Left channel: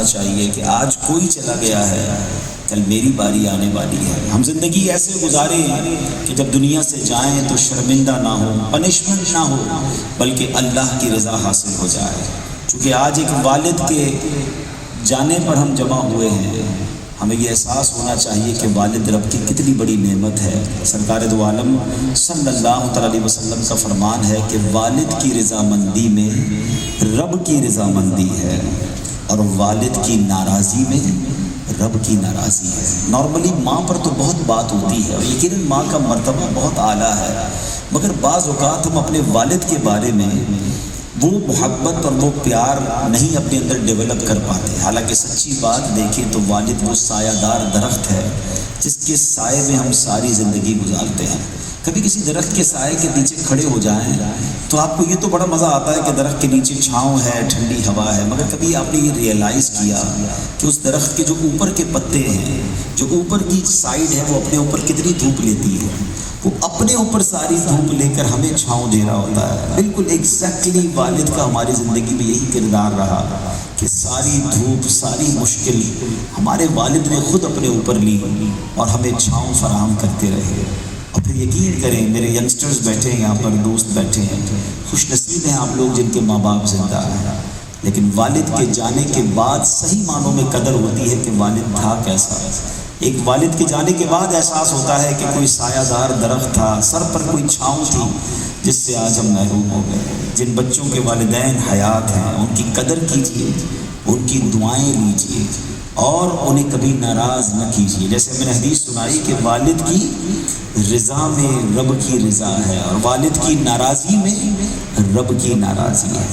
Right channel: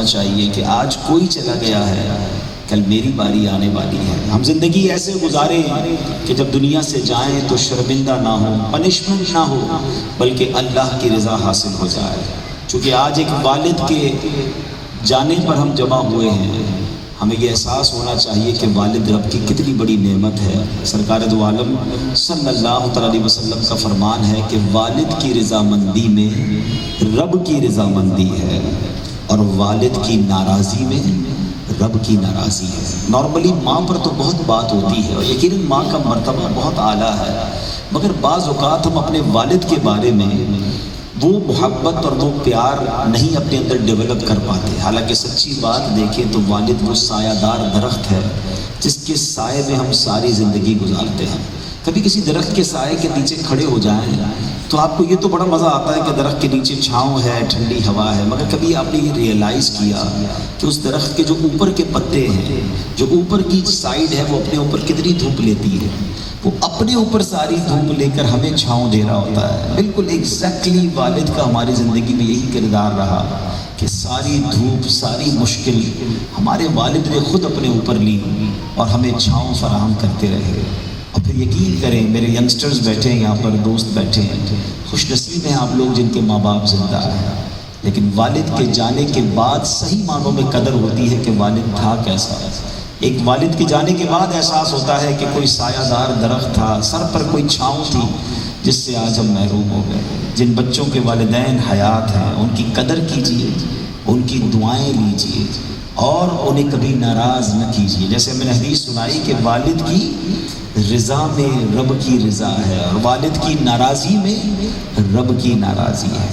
ہونا چاہیے کہ آج کوئی چلا گیا ہے، کل میری باری آنے والی ہے۔ ہم زندگی ایسے گزاریں کہ جب دنیا سے جائیں تو شرمندہ نہ ہو، پنشمنٹ نہ ہو، بلکہ اللہ کی رضا حاصل ہو جائے۔ چونکہ آج ایک والد کے جانے پر ہم جمع ہوئے ہیں، ہمیں یہ احساس ہونا چاہیے کہ والد رب کی کتنی بڑی نعمت ہے۔ سرکار دو عالم صلی اللہ تعالی علیہ وسلم کا فرمان ہے کہ والد کی رضامندی میں رب کی رضامندی ہے، اور والد کی ناراضی میں رب کی ناراضی ہے۔ نارملی ماں پر تو بہت بات ہوتی ہے اور یقیناً ماں کا مرتبہ بہت اعلیٰ ہے، مگر بعض اوقات ہم اپنے والد کے بارے میں وہ محبت اور وہ پیار نہیں اپنے اندر ڈیولپ کر پاتے۔ حالانکہ سچی بات دیکھیں تو والد وہ سایہ دار درخت ہے جس کے سائے میں ہم ساری زندگی گزارتے ہیں۔ کبھی کسی درخت کے سائے کے نیچے کھڑے ہو جائیں تو آپ کو یہ تو بڑا مزہ آتا ہے کہ درخت کے نیچے چھاؤں ہے، ٹھنڈی ہوا ہے، مگر کبھی آپ نے یہ ریئلائز کیا کہ اس درخت کے جو اوپر کے پتے ہیں، جو اوپر کی سائڈ ہے، وہ اپنے اوپر کتنی دھوپ لیتی ہے؟ وہ اپنے اوپر ساری دھوپ لے کر ہمیں چھاؤں دے رہا ہوتا ہے۔ بالکل ایگزیکٹلی والد کا ہماری زندگی میں یہی کردار رہا کہ ساری دھوپ، ساری مشکل ہمارے والد نے خود اپنے اوپر لی اور ہمیں چھاؤں فراہم کرتے رہے۔ اور پھر یقین کریں، میرے ینگسٹرز بیٹھے ہیں یہاں پر، دوست بیٹھے ہیں، خوش نصیب ہیں آپ لوگ جن کے ماں باپ زندہ ہیں، لیکن والد کے جانے کے بعد صحیح معنوں میں قدر ہوتی ہے کہ والد تھا کیسا۔ ایک والد کے جانے کے بعد احساس ہوتا ہے کہ کوئی سایہ دار درخت تھا، سر پر کوئی چھاؤں تھی جس سے آج ہم محروم ہو گئے۔ جن بچوں کے والدین حیات ہیں ان کی قدر کیجیے، ان کی دعائیں لیجیے اور انہیں کبھی ناراض نہ کیجیے۔ جیسے میں نے حدیث سنائی کہ والد کی رضا میں رب کی رضا ہے اور والد کی ناراضی میں رب کی ناراضی ہے۔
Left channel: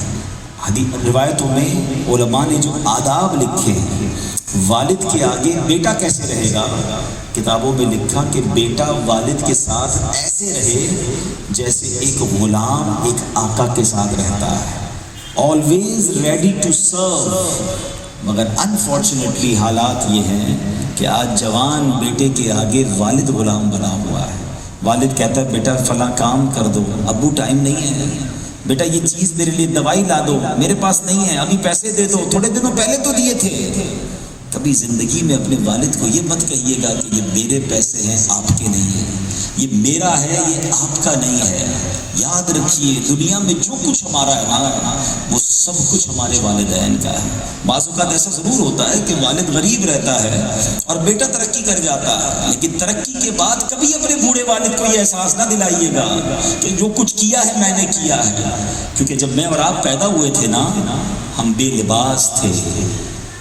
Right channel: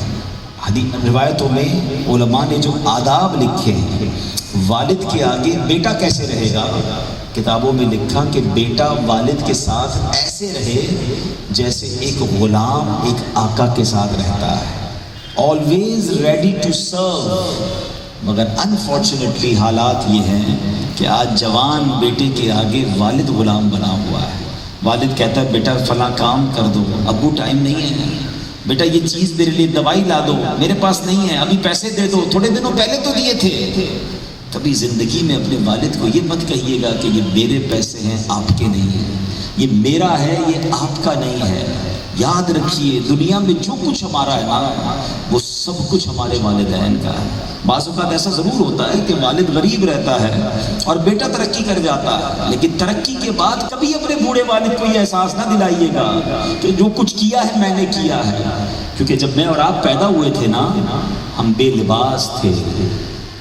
روایتوں میں علماء نے جو آداب لکھے ہیں والد کے آگے بیٹا کیسے رہے گا، کتابوں میں لکھا کہ بیٹا والد کے ساتھ ایسے رہے جیسے ایک غلام ایک آقا کے ساتھ رہتا ہے، always ready to serve۔ مگر انفارچونیٹلی حالات یہ ہیں کہ آج جوان بیٹے کے آگے والد غلام بنا ہوا ہے۔ والد کہتا ہے بیٹا فلاں کام کر دو، ابو ٹائم نہیں ہے، بیٹا یہ چیز میرے لیے دوائی لا دو، میرے پاس نہیں ہے، ابھی پیسے دے دو، تھوڑے دنوں پہلے تو دیے تھے۔ کبھی زندگی میں اپنے والد کو یہ مت کہیے گا کہ یہ میرے پیسے ہیں آپ کے نہیں ہیں، یہ میرا ہے یہ آپ کا نہیں ہے۔ یاد رکھیے دنیا میں جو کچھ ہمارا ہے نا وہ سب کچھ ہمارے والدین کا ہے۔ بعض اوقات ایسا ضرور ہوتا ہے کہ والد غریب رہتا ہے اور بیٹا ترقی کر جاتا ہے، لیکن ترقی کے بعد کبھی اپنے بوڑھے والد کو یہ احساس نہ دلائیے گا کہ جو کچھ کیا ہے میں نے کیا ہے، کیونکہ جب میں اور آپ پیدا ہوئے تھے نا ہم بے لباس تھے۔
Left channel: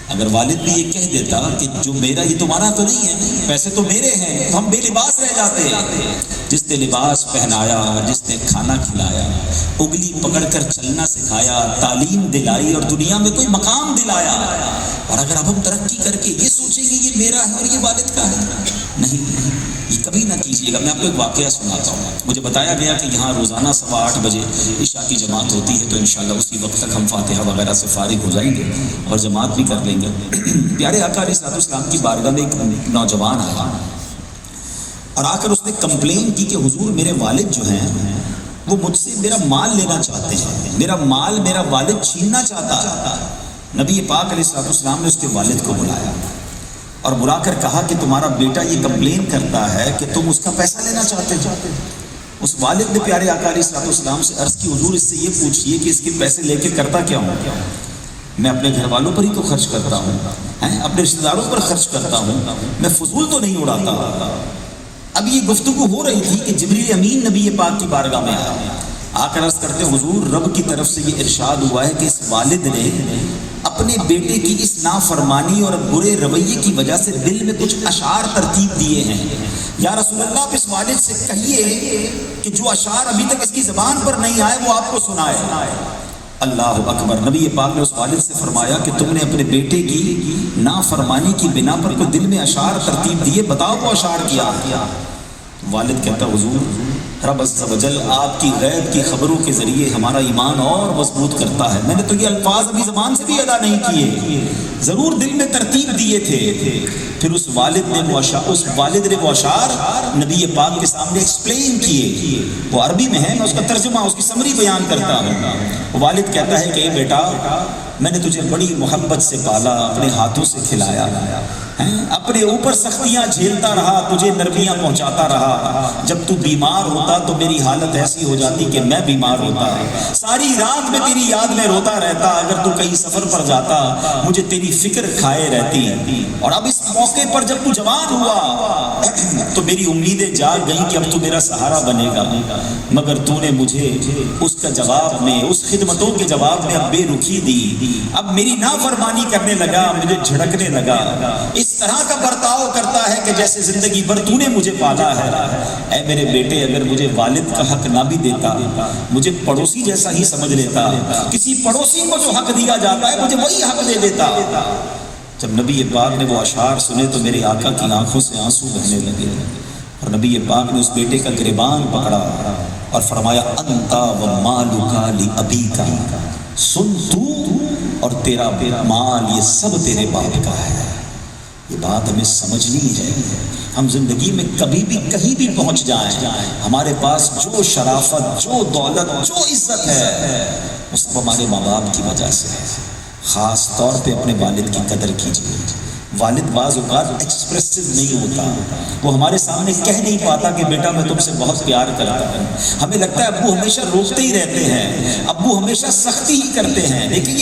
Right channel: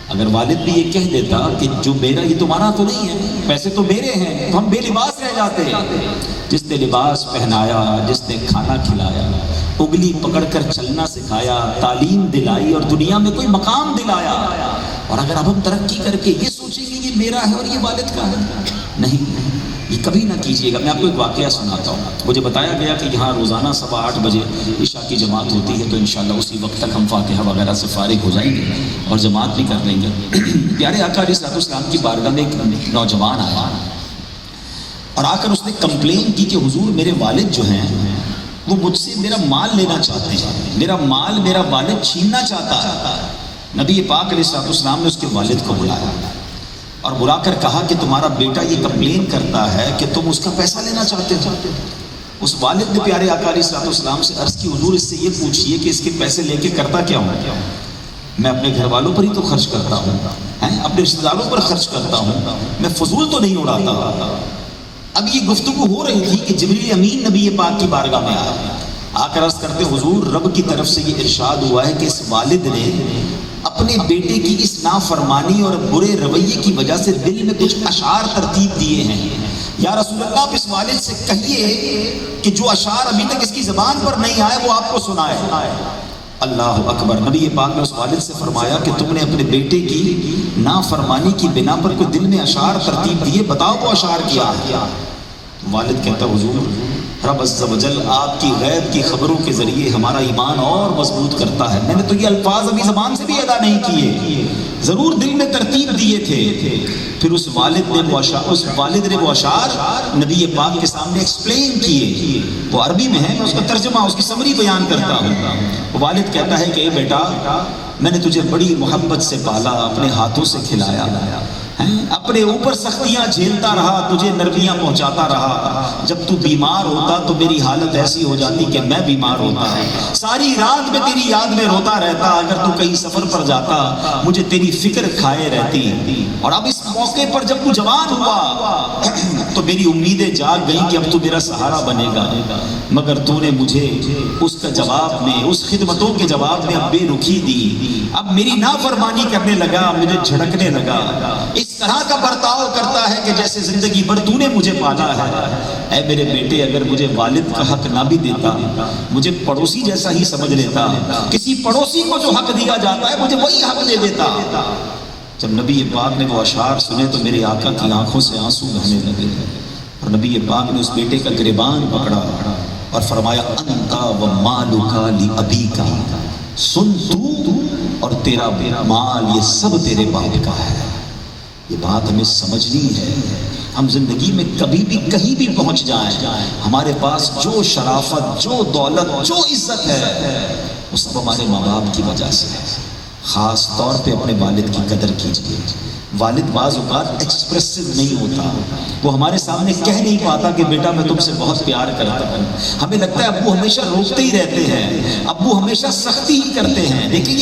اگر والد بھی یہ کہہ دیتا کہ جو میرا یہ تمہارا تو نہیں ہے، پیسے تو میرے ہیں، تو ہم بے لباس رہ جاتے ہیں۔ جس نے لباس پہنایا، جس نے کھانا کھلایا، انگلی پکڑ کر چلنا سکھایا، تعلیم دلائی اور دنیا میں کوئی مقام دلایا، اور اگر اب ہم ترقی کر کے یہ سوچیں گے یہ میرا ہے اور یہ والد کا ہے، نہیں، یہ کبھی نہ کیجیے گا۔ میں آپ کو ایک واقعہ سناتا ہوں۔ مجھے بتایا گیا کہ یہاں روزانہ 8:15 بجے عشاء کی جماعت ہوتی ہے، تو انشاءاللہ اسی وقت تک ہم فاتحہ وغیرہ سے فارغ ہو جائیں گے اور جماعت بھی کر لیں گے۔ پیارے آقا علیہ الصلوۃ والسلام کی بارگاہ میں ایک نوجوان آیا اور آ کر اس نے کمپلین کی کہ حضور میرے والد جو ہیں وہ مجھ سے میرا مال لینا چاہتے ہیں، میرا مال میرا والد چھیننا چاہتا ہے۔ نبی پاک علیہ الصلوۃ والسلام نے اس کے والد کو بلایا اور بلا کر کہا کہ تمہارا بیٹا یہ کمپلین کرتا ہے کہ تم اس کا پیسہ لینا چاہتے ہو۔ اس والد نے پیارے آقا علیہ الصلوۃ والسلام سے عرض کی حضور اس سے یہ پوچھیے کہ اس کے پیسے لے کے کرتا کیا ہوں؟ میں اپنے گھر والوں پر ہی تو خرچ کرتا ہوں، اپنے رشتہ داروں پر خرچ کرتا ہوں، میں فضول تو نہیں اڑاتا۔ اب یہ گفتگو ہو رہی تھی کہ جبریل امین نبی پاک کی بارگاہ میں آ کر عرض کرتے حضور رب کی طرف سے یہ ارشاد ہوا ہے کہ اس والد نے اپنے بیٹے کی اس نافرمانی اور برے رویے کی وجہ سے دل میں کچھ اشعار ترتیب دیے ہیں۔ یا رسول اللہ آپ اس والد سے کہیے کہ جو اشعار ابھی تک اس کی زبان پر نہیں آئے وہ آپ کو سنائے۔ اللہ اکبر۔ نبی پاک نے اس والد سے فرمایا کہ تم نے اپنے بیٹے کی نافرمانی کی بنا پر کوئی دل میں اشعار ترتیب دیے، بتاؤ وہ اشعار کیا۔ والد کہتا حضور رب عز و جل آپ کی غیب کی خبروں کے ذریعے ہمارا ایمان اور مضبوط کرتا ہے، میں نے تو یہ الفاظ ابھی زبان سے بھی ادا نہیں کیے، ضرور دل میں ترتیب دیے تھے۔ پھر اس والد نے وہ اشعار نبی پاک کے سامنے ایکسپلین کیے، وہ عربی میں ہے، میں اس کا ترجمہ اس کی سمری بیان کرتا ہوں۔ والد کہتا ہے کہ اے بیٹا میں نے تجھے بڑی محبت سے پالا، اپنے ہاتھوں سے کھلایا، اپنے اوپر سختیاں جھیلتا رہا، تجھے نرمیاں پہنچاتا رہا۔ جب تو بیمار ہوتا تو میری حالت ایسی ہو جاتی کہ میں بیمار ہوتا، ساری رات میں تیری یاد میں روتا رہتا، اگر تو کہیں سفر پر جاتا مجھے تیری فکر کھائے رہتی۔ اور اب اس موقع پر جب تو جوان ہوا تو میری امیدیں جاگ گئیں کہ اب تو میرا سہارا بنے گا، مگر تو نے مجھے اس کا جواب میں، اس خدمتوں کے جواب میں اب بے رخی دی، اب میری نافرمانی کرنے لگا، مجھے جھڑکنے لگا، اس طرح کا برتاؤ کرتا ہے کہ جیسے زندگی بھر تو نے مجھے پالا ہے۔ اے میرے بیٹے، اگر مجھے والد کا حق نہ بھی دیتا، مجھے پڑوسی جیسا ہی سمجھ لیتا، کسی پڑوسی کو جو حق دیا جاتا ہے مجھے وہی حق دے دیتا۔ جب نبی پاک نے وہ اشعار سنے تو میرے آقا کی آنکھوں سے آنسو بہنے لگے، اور نبی پاک نے اس بیٹے کا گریبان پکڑا اور فرمایا انتا و مالکا لابیکا، سن تو اور تیرا مال یہ سب تیرے باپ کا ہے۔ یہ بات ہمیں سمجھنی ہے۔ ہم زندگی میں کبھی بھی کہیں بھی پہنچ جائیں، ہمارے پاس جو شرافت، جو دولت، جو عزت ہے وہ سب ہمارے ماں باپ کی وجہ سے ہے۔ خاص طور پہ اپنے والد کی قدر کیجیے۔ والد بعض اوقات ایکسپریسو نہیں ہوتا، وہ ہمارے سامنے کہہ نہیں پاتا کہ بیٹا میں تم سے بہت پیار کرتا ہوں۔ ہمیں لگتا ہے ابو ہمیشہ روکتے ہی رہتے ہیں، ابو ہمیشہ سختی ہی کرتے ہیں، لیکن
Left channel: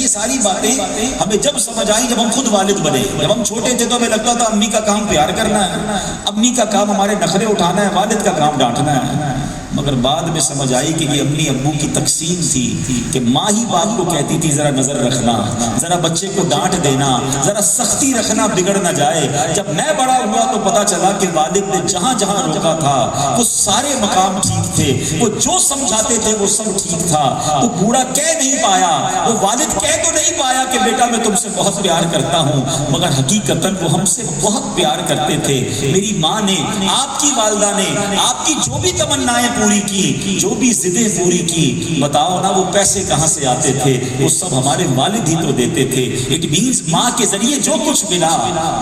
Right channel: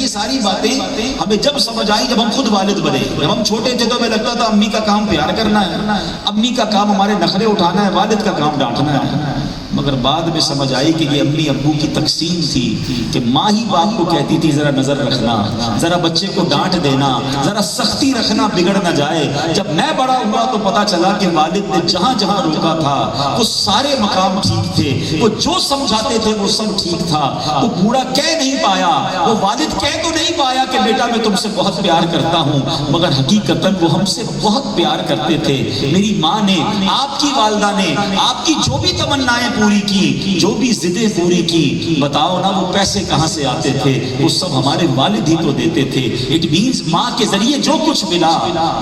یہ ساری باتیں ہمیں جب سمجھ آئی جب ہم خود والد بنے۔ جب ہم چھوٹے تھے تو ہمیں لگتا تھا امی کا کام پیار کرنا ہے، امی کا کام ہمارے نخرے اٹھانا ہے، والد کا کام ڈانٹنا ہے۔ مگر بعد میں سمجھ آئی کہ یہ امی ابو کی تقسیم تھی کہ ماں ہی باپ کو کہتی تھی ذرا نظر رکھنا، ذرا بچے کو ڈانٹ دینا، ذرا سختی رکھنا، بگڑ نہ جائے۔ جب میں بڑا ہوا تو پتا چلا کہ والد نے جہاں جہاں روکا تھا وہ سارے مقام ٹھیک تھے، وہ جو سمجھاتے تھے وہ سب ٹھیک تھا۔ وہ پورا کہہ نہیں پایا، وہ والد کہہ تو نہیں پایا کہ بیٹا میں تم سے بہت پیار کرتا ہوں، مگر حقیقتاً وہ ہم سے بہت پیار کرتے تھے۔ میری ماں نے، آپ کی والدہ نے آپ کی جو بھی تمنائیں پوری کی، جو بھی ضدیں پوری کی، بتاؤ نا وہ پیسے کہاں سے آتے تھے؟ وہ سب ہمارے والد ہی تو دیتے تھے۔ اٹ مینز ماں کے ذریعے جو کچھ ملا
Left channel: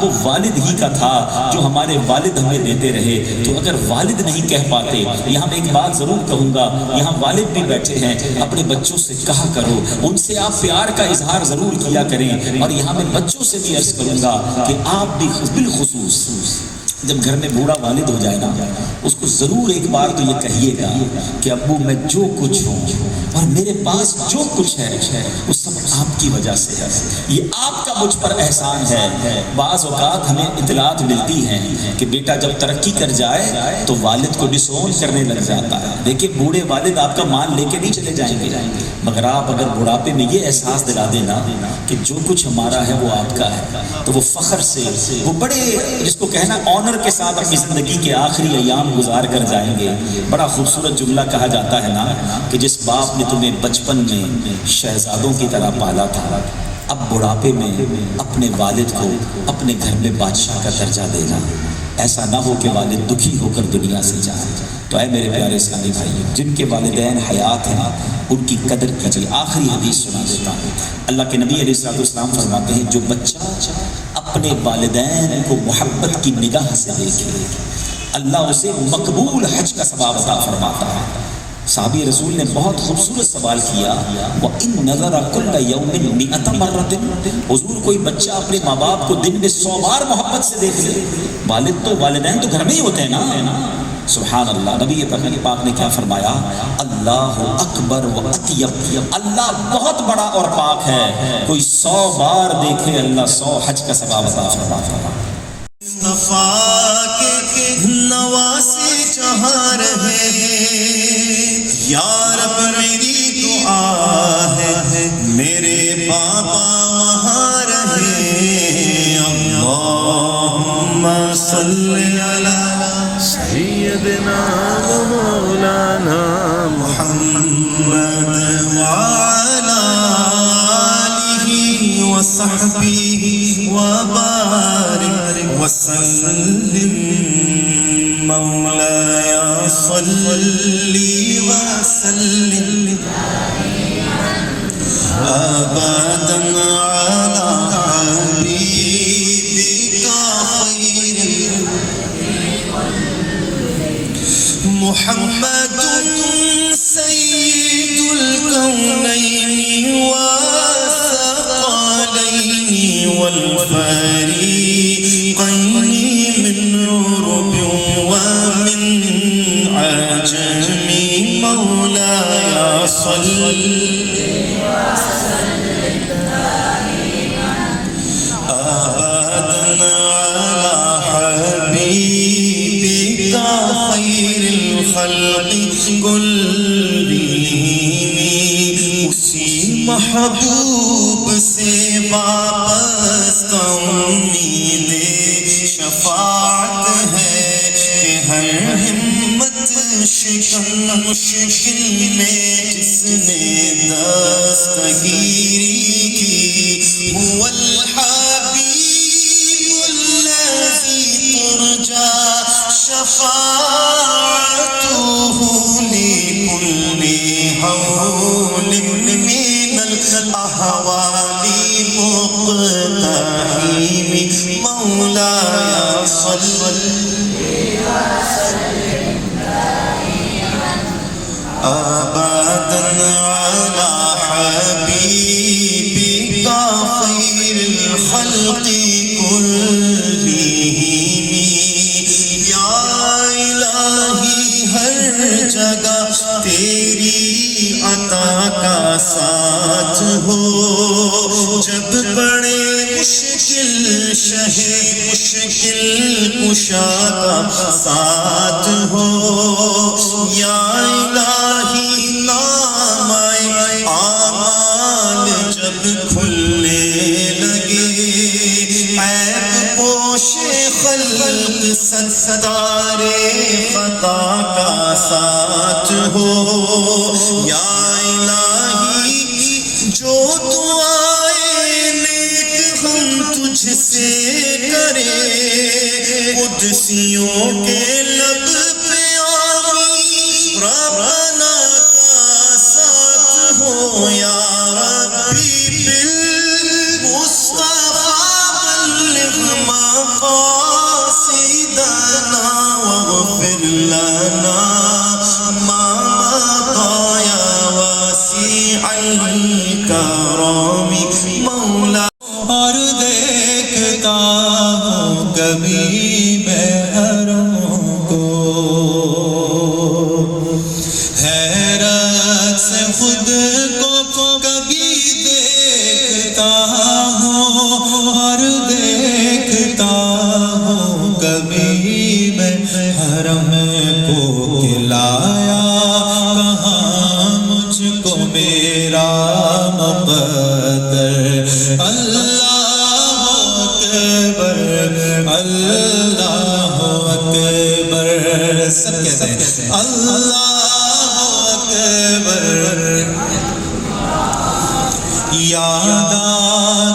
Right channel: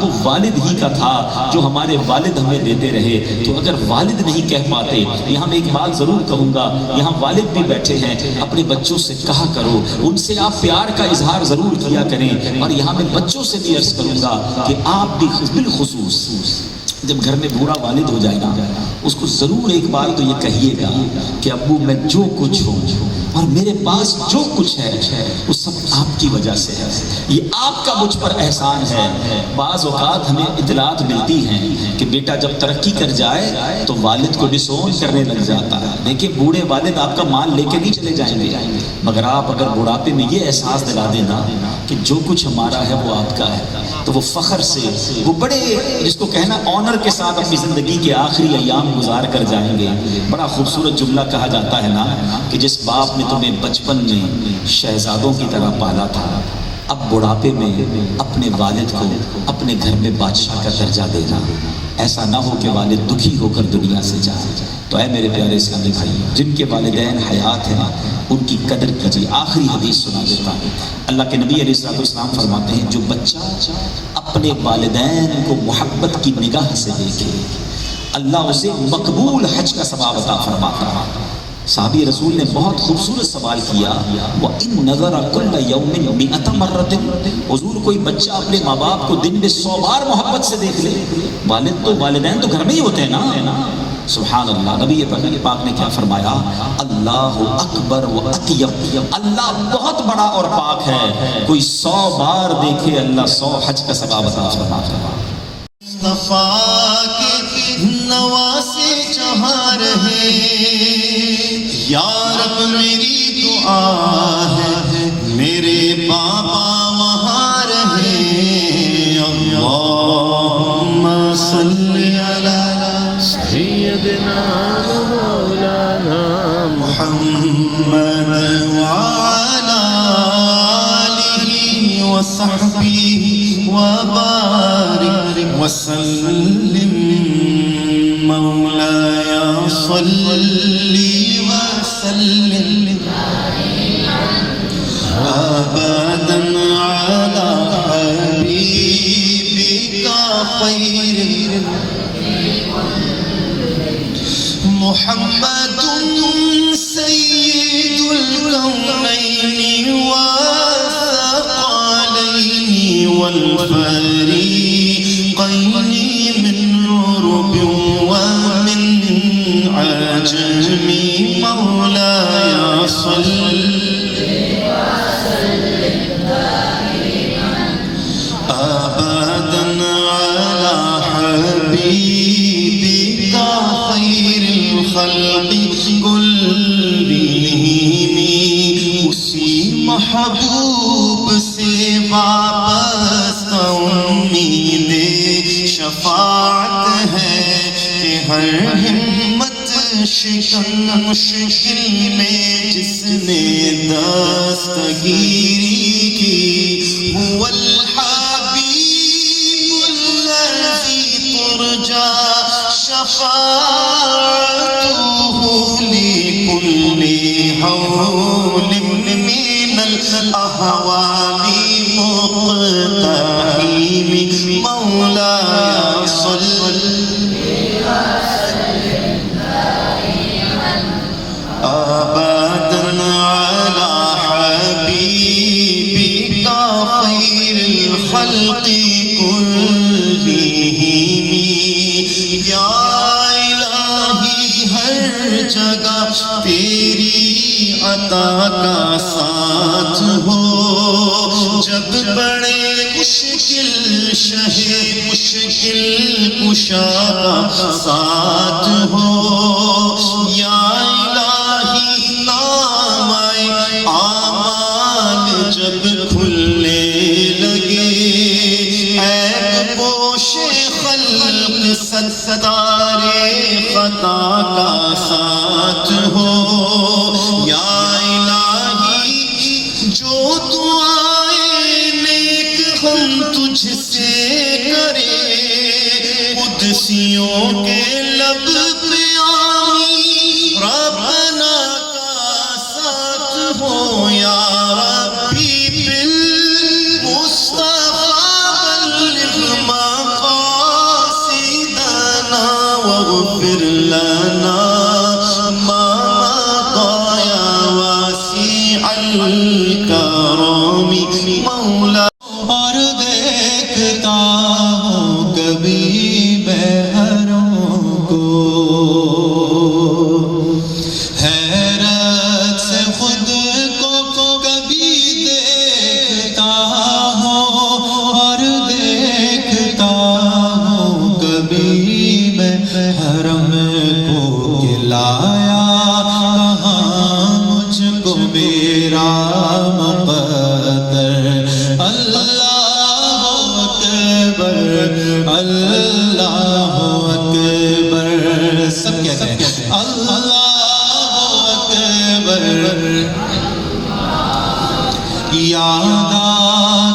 وہ والد ہی کا تھا، جو ہمارے والد ہمیں دیتے رہے۔ تو اگر والد نہیں کہہ پاتے، یہاں میں ایک بات ضرور کہوں گا، یہاں والد بھی بیٹھے ہیں، اپنے بچوں سے کہا کرو، ان سے آپ پیار کا اظہار ضرور کیا کریں۔ اور یہاں میں بچوں سے بھی عرض کروں گا کہ آپ بھی بالخصوص جب گھر میں بوڑھا والد ہو جائے گا، اس کو ضرور ایک بار تو یہ کہیے گا کہ ابو میں جو کچھ ہوں اور میرے پاس جو کچھ ہے وہ سب آپ کی وجہ سے ہے، یہ آپ کا مجھ پر احسان ہے۔ بعض اوقات ہمیں اطلاعات ملتی ہیں کہ بیٹا جب ترقی کر جائے تو والد کو ڈسون کرنے لگ جاتا ہے۔ دیکھیں بوڑھے والد آپ کا مال لے کے نہیں چلے جائیں گے، مگر آپ اگر بڑھاپے میں یہ احساس دلا دینا کہ جو کچھ ہمارا ہے وہ آپ کا ہے، تو وہ فخر سے، وہ بڑے جس کو کہنا آنر کے ساتھ اپنی زندگی کے آخری ایام گزار کر جائیں گے۔ بڑا خوبصورت جملہ کہا جاتا ہے نا کہ جس باپ نے تمہیں بچپن میں شہزادوں کی طرح پالا تھا، اب بڑھاپے میں اپنے والد کو اپنے گھر میں بادشاہ کا درجہ دینا۔ ایسا نہ ہو کہ والد دکھی ہو کر دنیا سے جائے۔ تو اے میرے پیارے اسلامی بھائی، جن کے والدین حیات ہیں ان کی قدر کیجیے۔ آخری حدیث سنا دیتا ہوں۔ اللہ کے نبی علیہ السلام فرماتے ہیں جو بچہ اپنے والدین کو محبت کی نگاہ سے دیکھے اللہ اسے مقبول حج کا ثواب عطا فرماتا ہے۔ صحابی رسول نے بہت خوبصورت سوال کیا، وَإِن نَظَرَ كُلَّ يَوْمٍ مِئَةَ مَرَّةٍ، حضور کوئی بچہ اپنے ماں باپ کو دن میں 100 بار محبت سے دیکھ لے، والدین تو گھر میں ہی ہوتے ہیں نا۔ سبحان اللہ، نبی پاک نے کیا فرمایا؟ اللہ اکبر و اطیب، اللہ بہت بڑا اور پاک ہے، کوئی 100 بار دیکھے اللہ 100 حج کا ثواب عطا فرماتا ہے۔ مصطفیٰ کے نواسے جہاں رہے، یا رب میری دعا ہے میرے بابا وہاں رہے۔ اللہم صلی علی سیدنا مولانا محمد وعلی آلہ وصحبہ وبارک وسلم۔ مولایا صلی وسلم ابدا علی حبیبک خیر محمد سید الکونین و والفريقين من عرب ومن عجم مولاي صل أبدا على حبيبك خير الخلق كلهم اسی محبوب سے وابستہ امید شفاعت ہے کہ ہر ہمت شکن مشکل میں جس نے دستگیری کی هو الحبیب الذی ترجى شفاعته لكل حول من الأهوال مقتحم مولاي صل أبدا على حبيبك خير الخلق كلهم يا إلهي ہر جگہ تیری عطا کا ساتھ ہو جب بڑے مشکل شہ مشکل کشا کا ساتھ ہو یا الہی نام اعمال جب کھلنے لگے عیب پوش خلق ستارے خطا کا ساتھ ہو یا الہی جو دعائیں نیک ہم تجھ سے کرے قدسیوں کے لب پہ آمین ربنا کا ساتھ ہو یا ربی بالمصطفى بلغ مقاصدنا واغفر لنا ما مضى يا واسع الكرم مولا اور دیکھتا ہوں کبھی میں حرم کو حیرت سے خود کو کبھی دیکھتا ہوں اور دیکھتا ہوں کبھی میں حرم کو کھلایا کہاں مجھ کو میرا مقدر اللہ اکبر اللہ اکبر سب کہتے ہیں اللہ اکبر یاد آ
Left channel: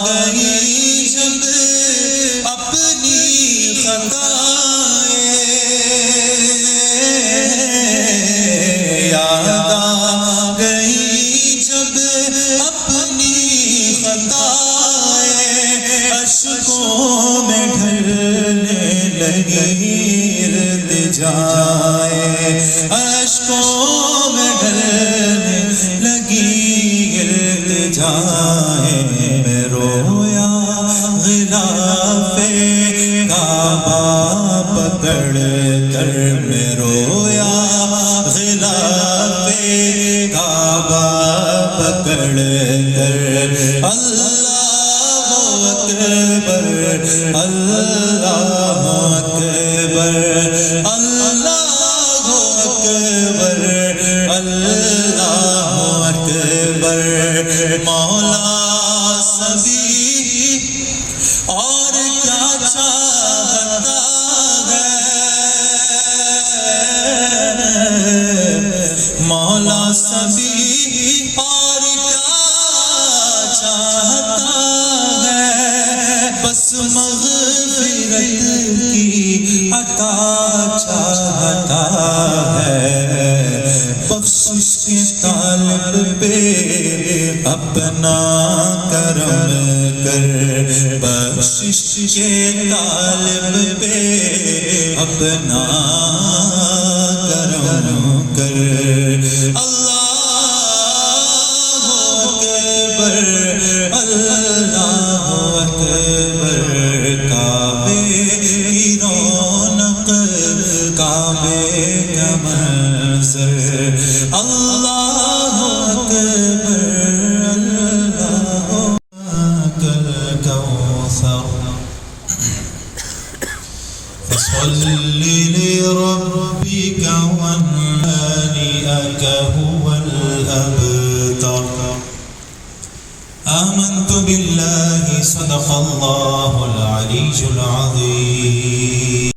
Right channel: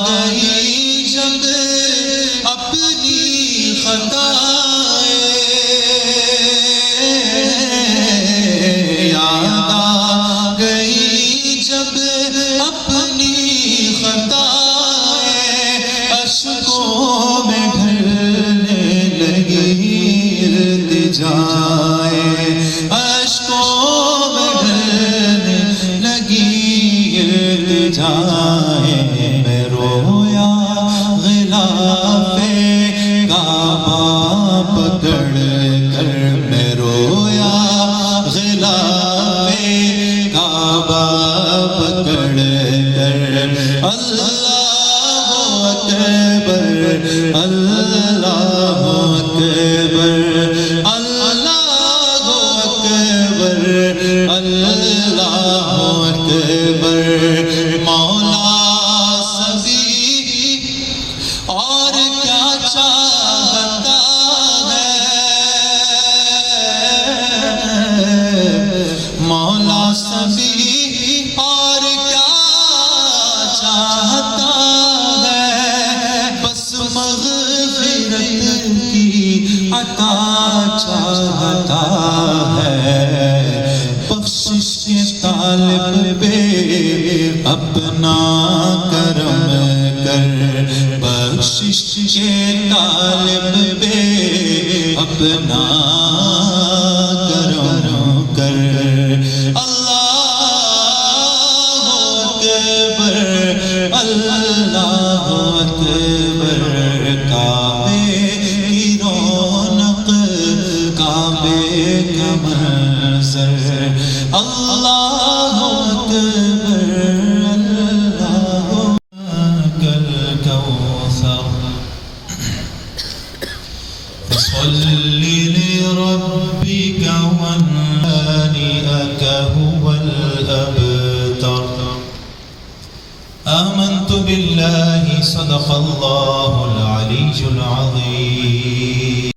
گئی جب اپنی خطائیں یاد آ گئی جب اپنی خطائیں اشکوں میں ڈھلنے لگی التجائیں اشکوں میں ڈھلنے لگی التجائیں میں رویا غلاف کعبہ پکڑ کر میں رویا غلاف کعبہ پکڑ کر اللہ اکبر اللہ اکبر اللہ اکبر اللہ اکبر مولا سبھی اور کیا چاہتا ہے مولا سبھی اور کیا چاہتا ہے بس مغفرت کی عطا چاہتا ہے بخشش کے طالب پہ اپنا کرم کر بخشش کے طالب پہ اپنا کرم کر اللہ اکبر اللہ اکبر اکبر کعبے کی رونق کعبے کا منظر اللہ اکبر اللہ کالکوثر فصل لربك وانحارك هو الأبتر آمنت بالله صدق الله